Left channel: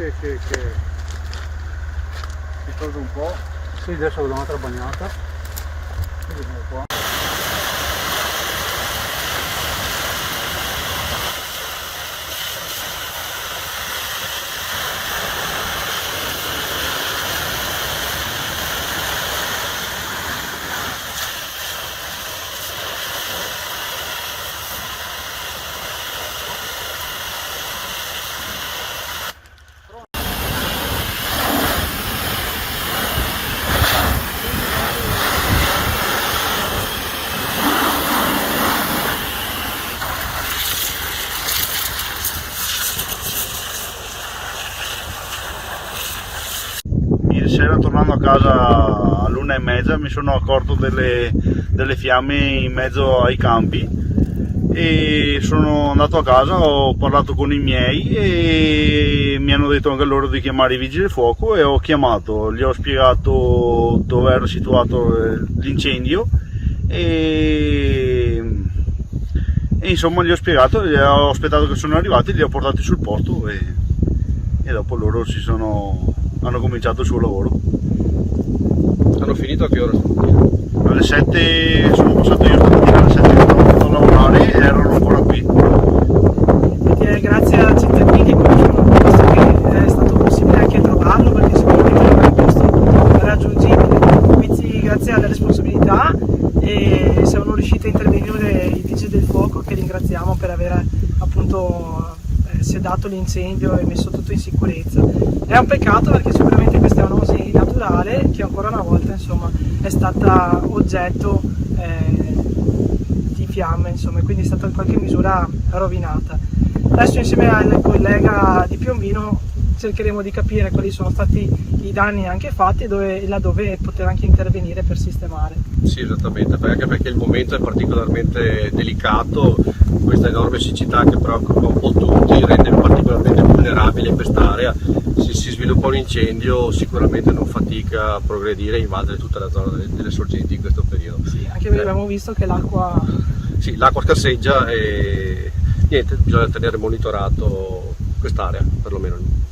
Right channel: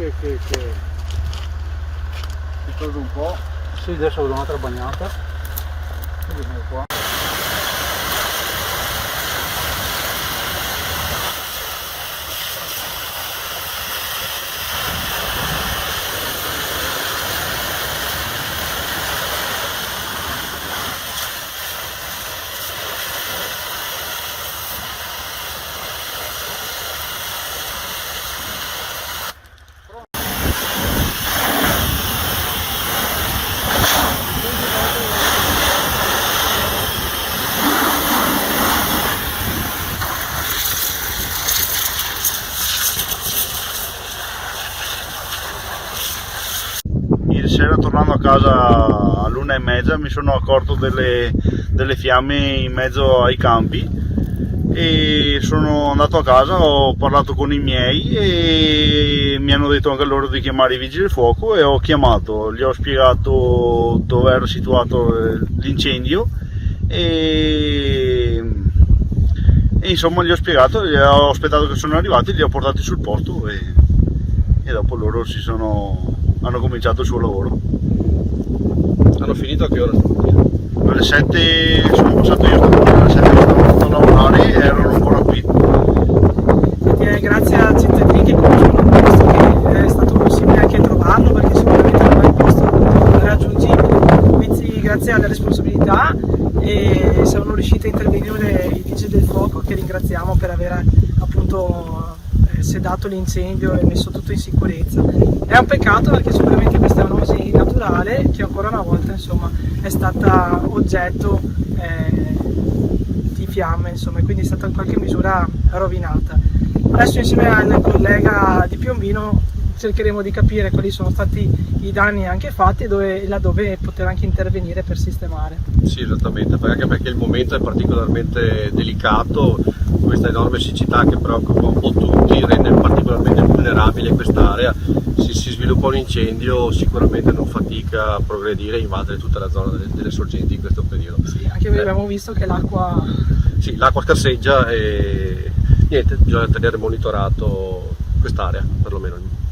che si tolga un po'. Sì, adesso do un'altra bagnata. Vediamo qua. Ieri sera, tornando a casa all'1:30, mi sono accorto delle fiamme in mezzo ai campi e sono andato a casa, ho parlato con i miei e mi hanno detto anche loro di chiamare i vigili del fuoco e ho chiamato, gli ho spiegato dove era situato l'incendio e insomma gli ho spiegato, gli ho aspettato che sono arrivati, li ho portati sul posto e dopo loro hanno cominciato il suo lavoro. Hanno finito a che ora? Alle 7 sono passato io stamattina, alle 7 che stavo andando a lavorare e erano ancora qui. Grazie ai cittadini che conoscono il posto, che è stato possibile anche trovarlo perché sicuramente è un posto raggiungibile. Quindi grazie alla responsabilità e siamo riusciti a intervenire i vigili del fuoco, che ringraziamo per aver appunto sedato l'incendio e messo tutto in sicurezza. È un peccato perché sicuramente questa è una serie naturale che ancora una volta insomma è stata oggetto di fiamme, insomma, e quindi è stata in qualche misura rovinata. Adesso insieme al collega di Piombino cercheremo di capire quali sono stati i danni anche fatti e laddove poter anche intervenire per sistemare. Sì, esattamente, anche perché il momento è particolarmente delicato, questa enorme siccità che preoccupa un po' tutti, rende particolarmente vulnerabile quest'area. Se si sviluppa un incendio sicuramente non fatica a progredire e invadere tutta la zona delle sorgenti in questo periodo. Sì, anche perché abbiamo visto che l'acqua... Sì, l'acqua scarseggia e niente, bisogna tenere monitorato quest'area perlomeno.